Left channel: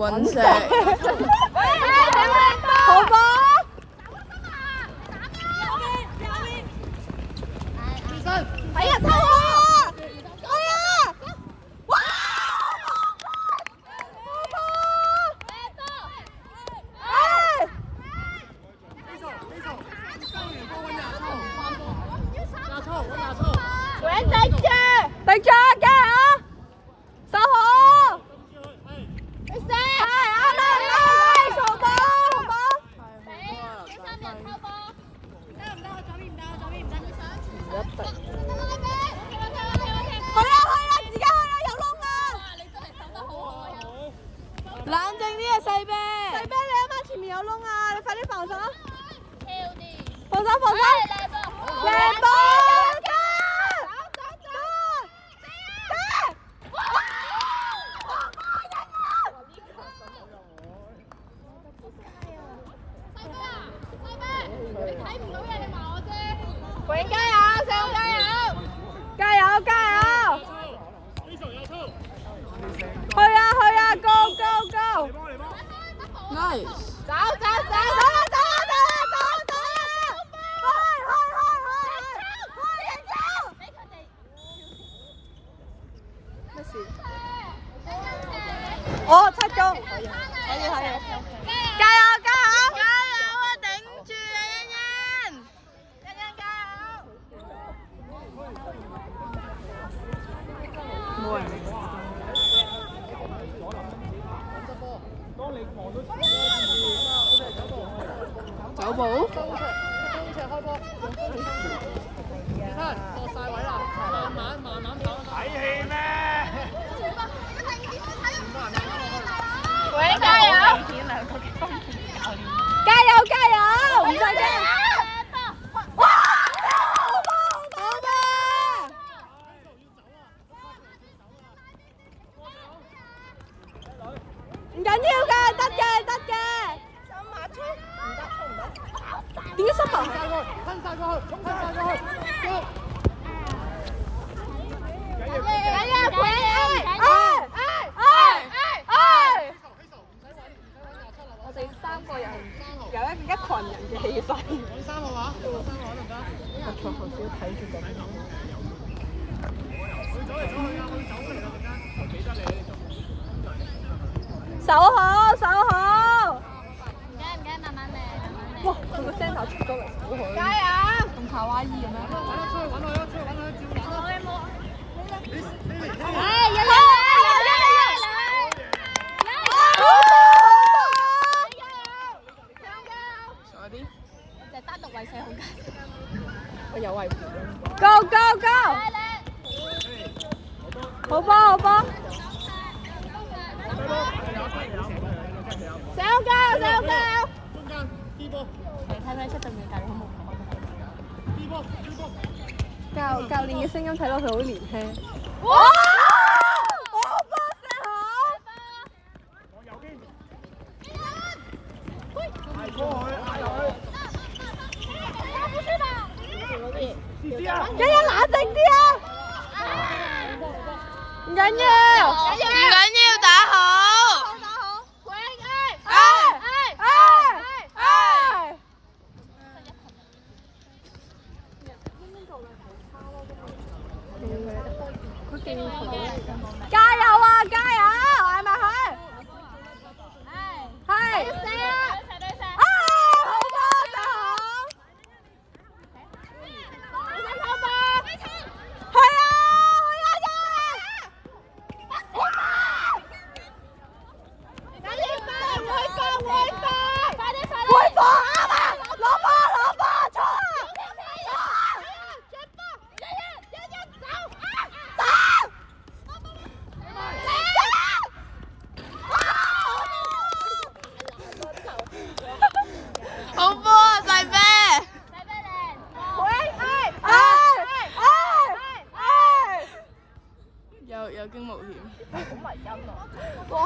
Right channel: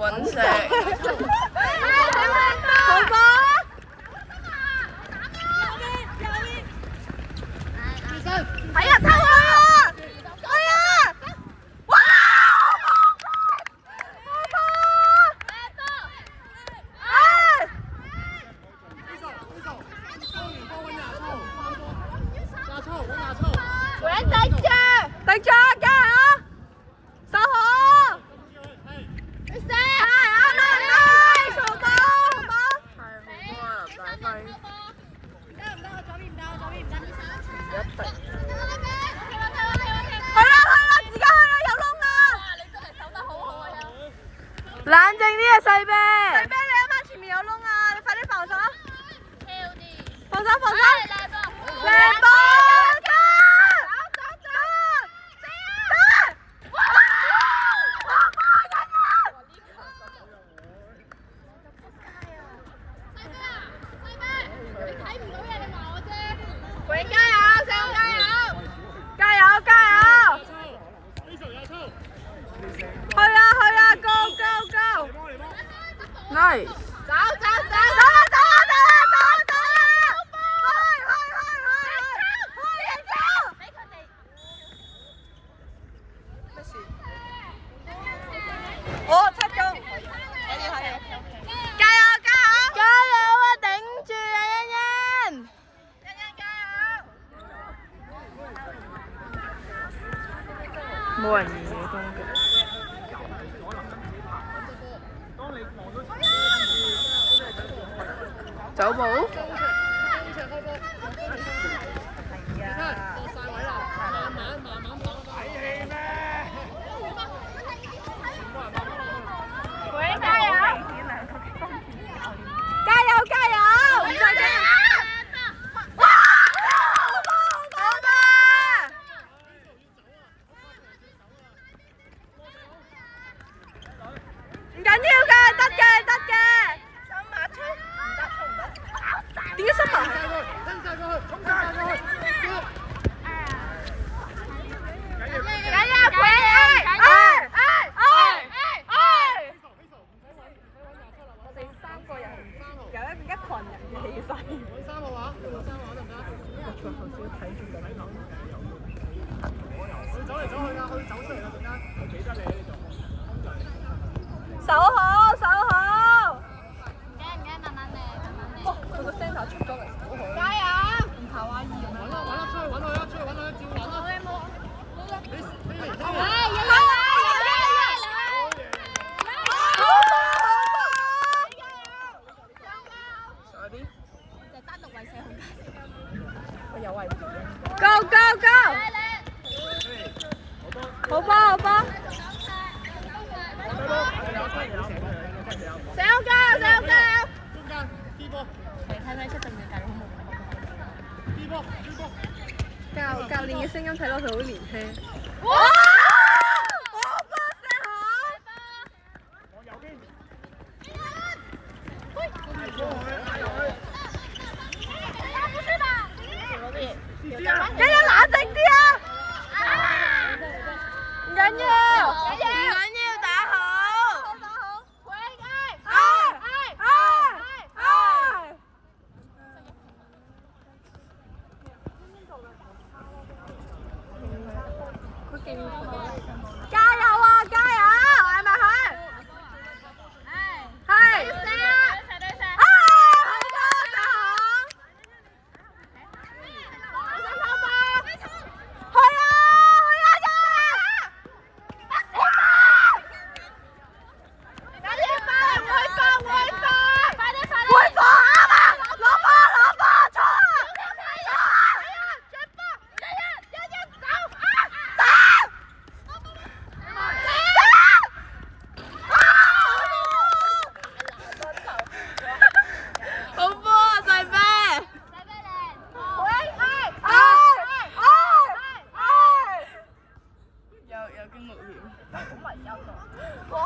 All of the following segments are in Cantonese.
揾食。好波。係啊，偷啊！係啊！哇！頂住，加油！守好！你射！啱啦，好波，好波！係好波啊，大輝。去啦，自己去啦，有窿啊！冷靜啲啊，細啤。細啤，你啱啱前面有窿啊！你快啲防守。防守，防守！靚波！喂，加油，細佬加油！加油，加油！去啊 ，Go Go Go！ Nice。走啦！我7中，可以。加油！啊，頂住啊，欣欣。冇人理我走步。開波。落曬位啦，慢慢打。睇戲咩？喂，加油！唔使驚！哇！唔緊要㗎，得嘅。新馬出唔得。點解新馬？吞曬過去。我哋3個人有一群人嘅氣勢。我錯頭先睇住緊。守好。唔驚，慢慢嚟。哇！佢個聲頭出咗嚟，好好。加油！同夏威夷咁樣。揾佢，有位。Go！ 好波！加油！睇出對面大佬好冇？教練嘅聲音睇落去好年輕。哇！好波射好！往右邊。欣欣冷靜啲啊！唔緊要，打好。加油啊！係咪佢？係。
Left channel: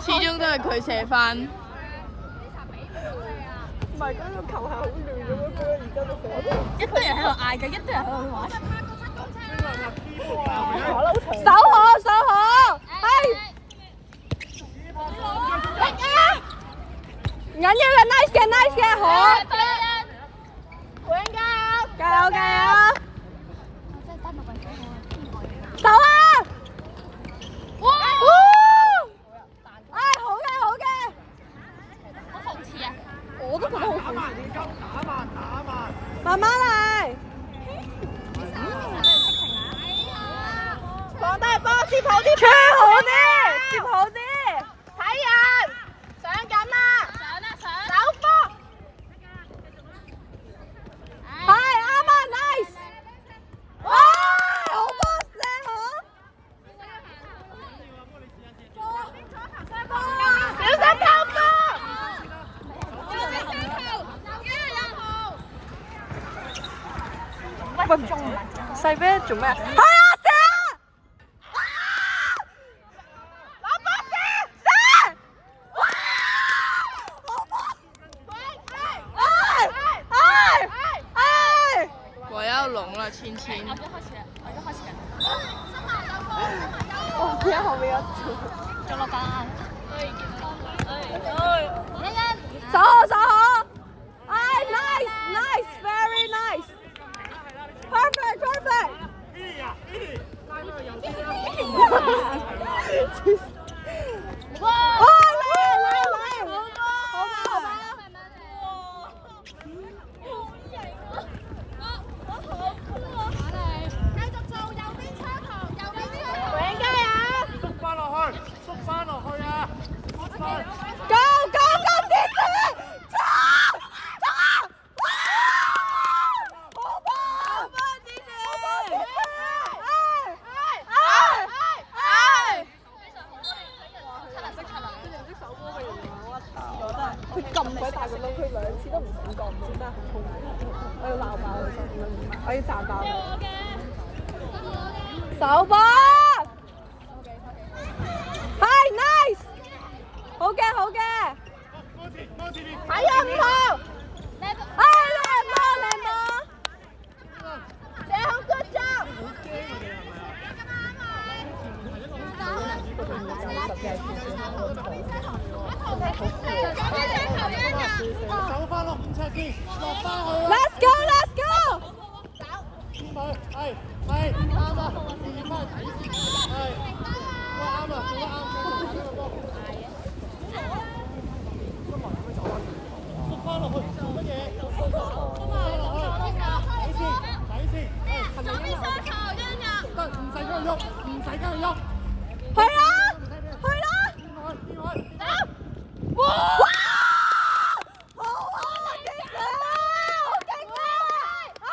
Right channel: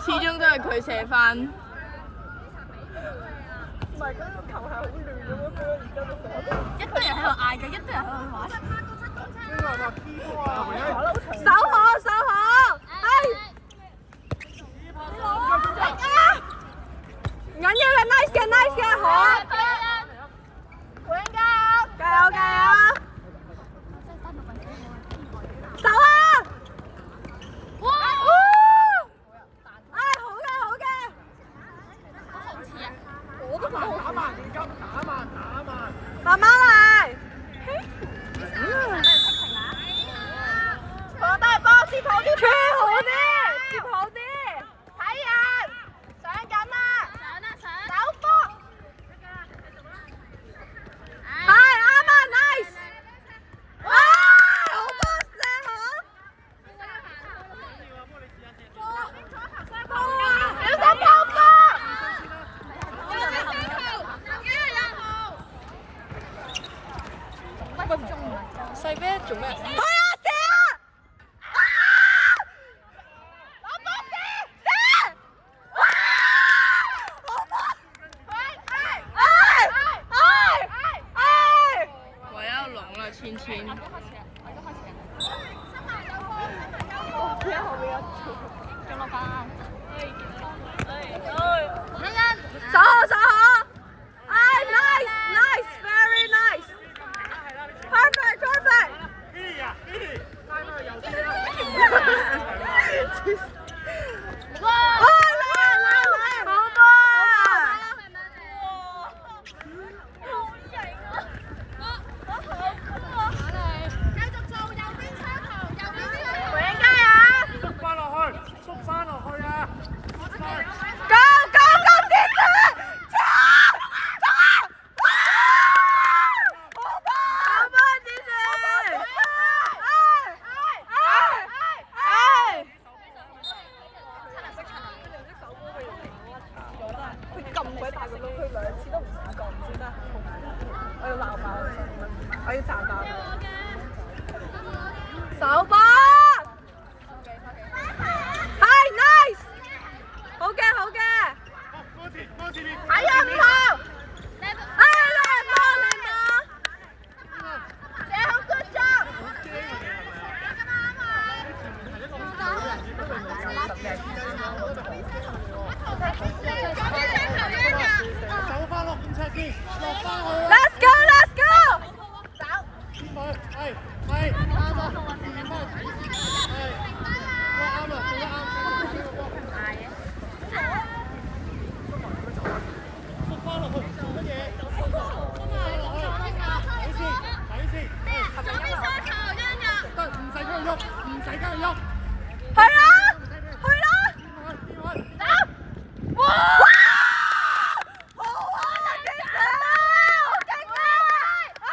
始終都係佢射翻。唔係，嗰個球係好亂嘅咯，而家都一堆人喺度嗌緊，一堆人喺度玩。守好，係。慢啲急，打慢打慢。慢慢嚟。放低波，接好啲，穿好啲，接好啲。睇人，上緊啦，走波。係啱啊 ，nice。哇，好波聲啊！小心救波！喂，細啤做咩？係啊，射啊！攞波射！我要聾了，芊芊。手好手好，哎 ，nice nice very nice perfect perfect。哇！嚟，好多啊！縮翻落去，縮翻落去啊！縮翻。Go go go！ 接住！好波接住！佢咁鬼大個窿，佢2次都唔想降，真係好難。我要鬧爆佢，我要賺爆佢。手波！係 nice， 好嘅好嘅。睇人唔同，哎，靚波靚波！射好 good job。走翻落5尺先，落翻去。 Let's go let's go！ 先佢，係啱啊，轉翻去睇先，係，喂啱啊，做得啱，繼續打呢個波。縮翻落去，做乜嘢？縮翻落去，睇先，得，唔使跟佢喐，唔使跟佢喐。係啊，去啦！邊個？哇！好啊，正常啊，好勁啊！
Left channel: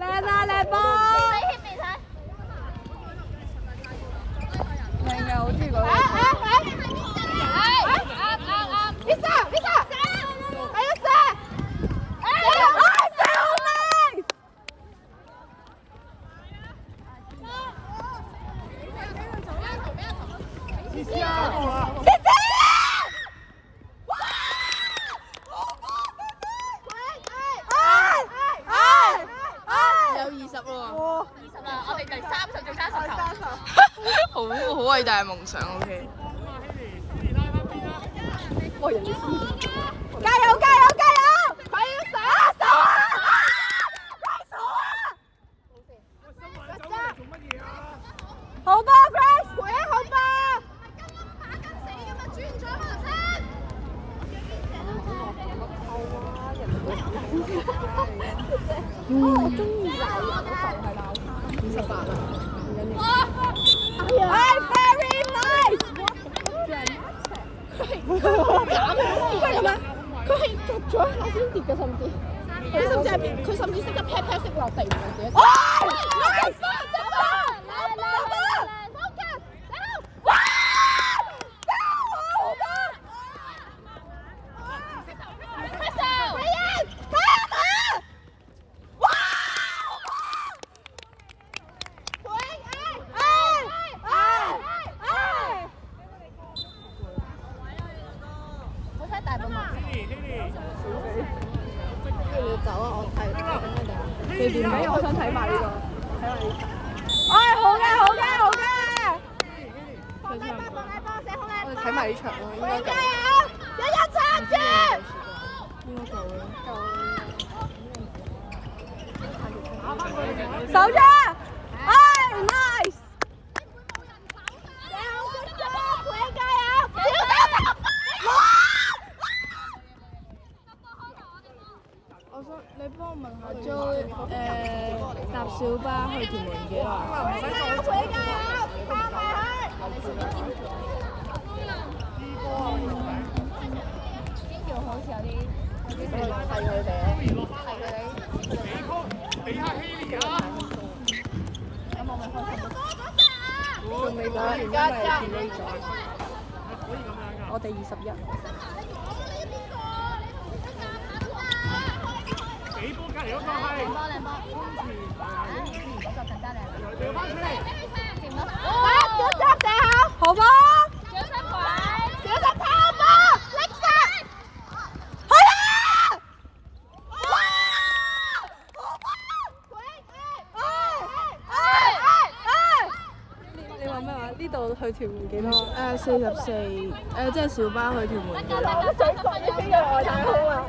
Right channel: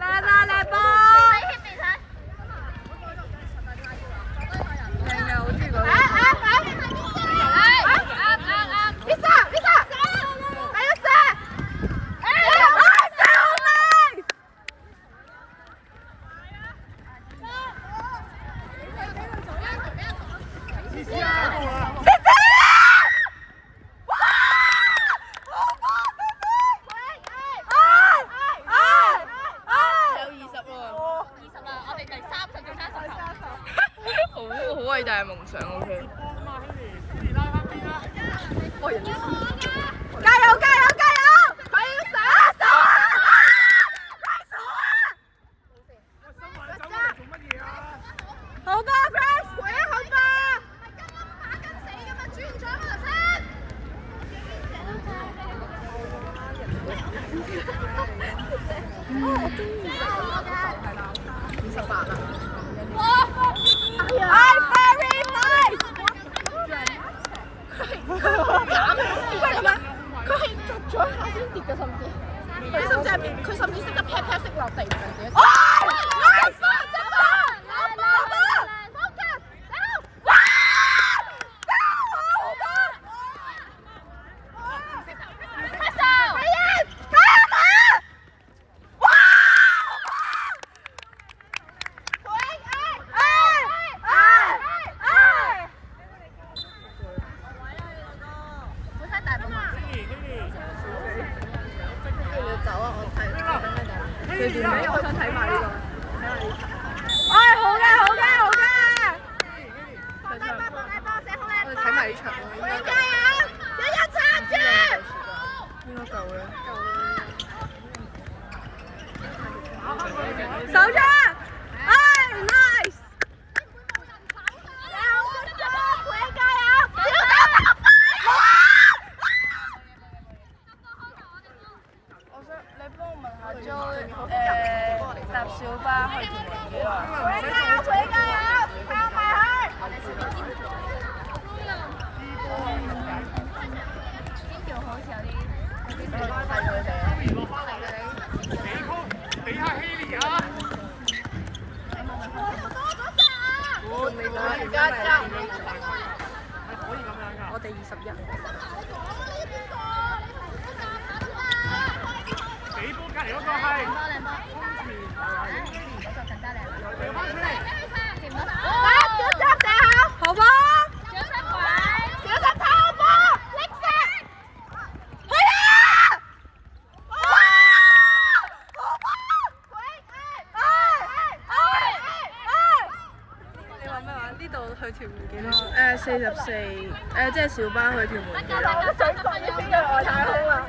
靚啊靚波！靚嘅，好中意嗰個。好偉大嘅夢想 ，OK。加油加油加油！佢要上手啊！好波 ，Grace， 回好波！我中意28啊！I very nice。佢係逐咗一下先跌嘅，佢甚至識得 pat pat 識落地嘅自己。我想睇埋呢個，哎，好嘅好嘅好嘅，我哋睇埋呢場咯，應該夠。撐住！應該夠嘅。手張，哎 ，nice！ 加油！幾耐？唔使再坐住啊！支波啊！係佢哋啊！俾下希利啊！仲未攞完，因為見你咗。可以咁樣㗎。我哋21。俾波隔離嗰個係。好波！你話咩話？呢度去屯門幾多？ 44，即係小巴去屯門幾耐？太好啦！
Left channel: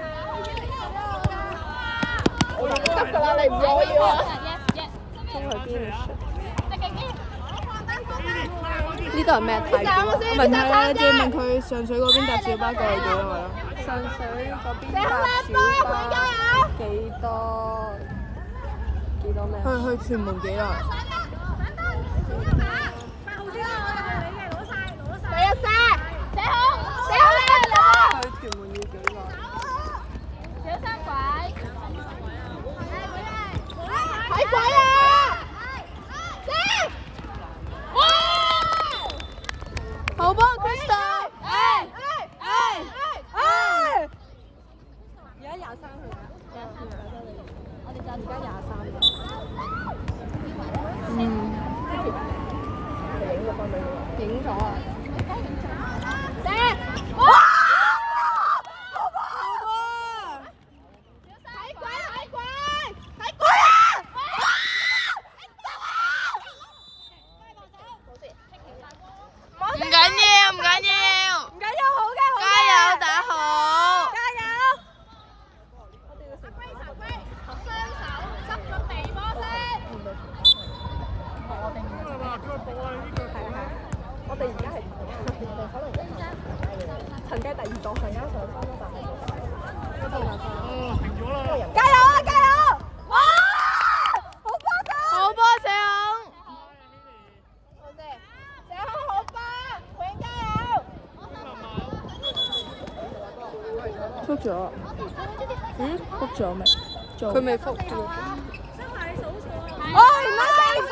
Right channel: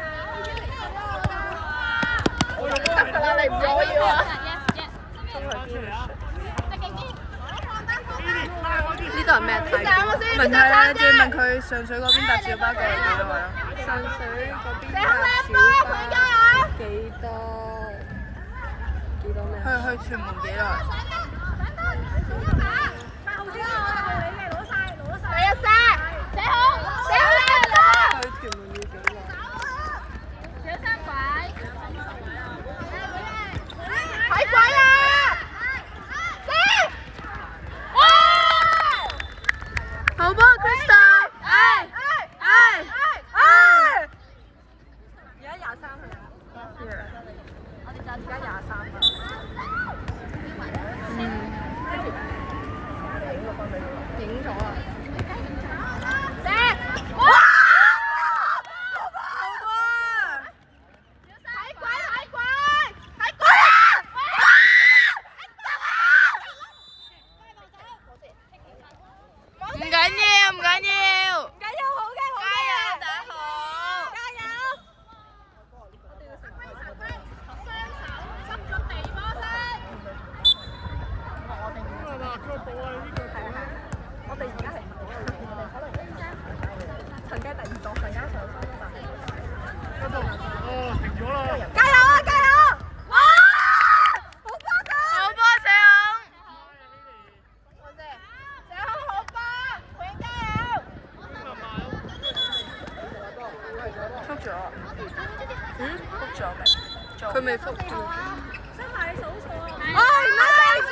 得㗎啦，你唔可以喎。呢度係咩睇？問佢啦，即係問佢上水嗰邊搭小巴過去幾耐咯？上水嗰邊搭小巴幾多咩？去屯門幾耐？去屯門要幾耐？好波 ，Crystal！而家23去。而家23。影咗啊！唔緊要，唔緊要，加油打好！係嘛？腳步啊！呢腳步咧。我哋而家係陳雞第2檔，陣間上翻啦，哦，停咗啦。加油啊！加油！哇！好波仔！好波社恐，覆咗。覆咗未？佢未覆。哎，唔好再嘈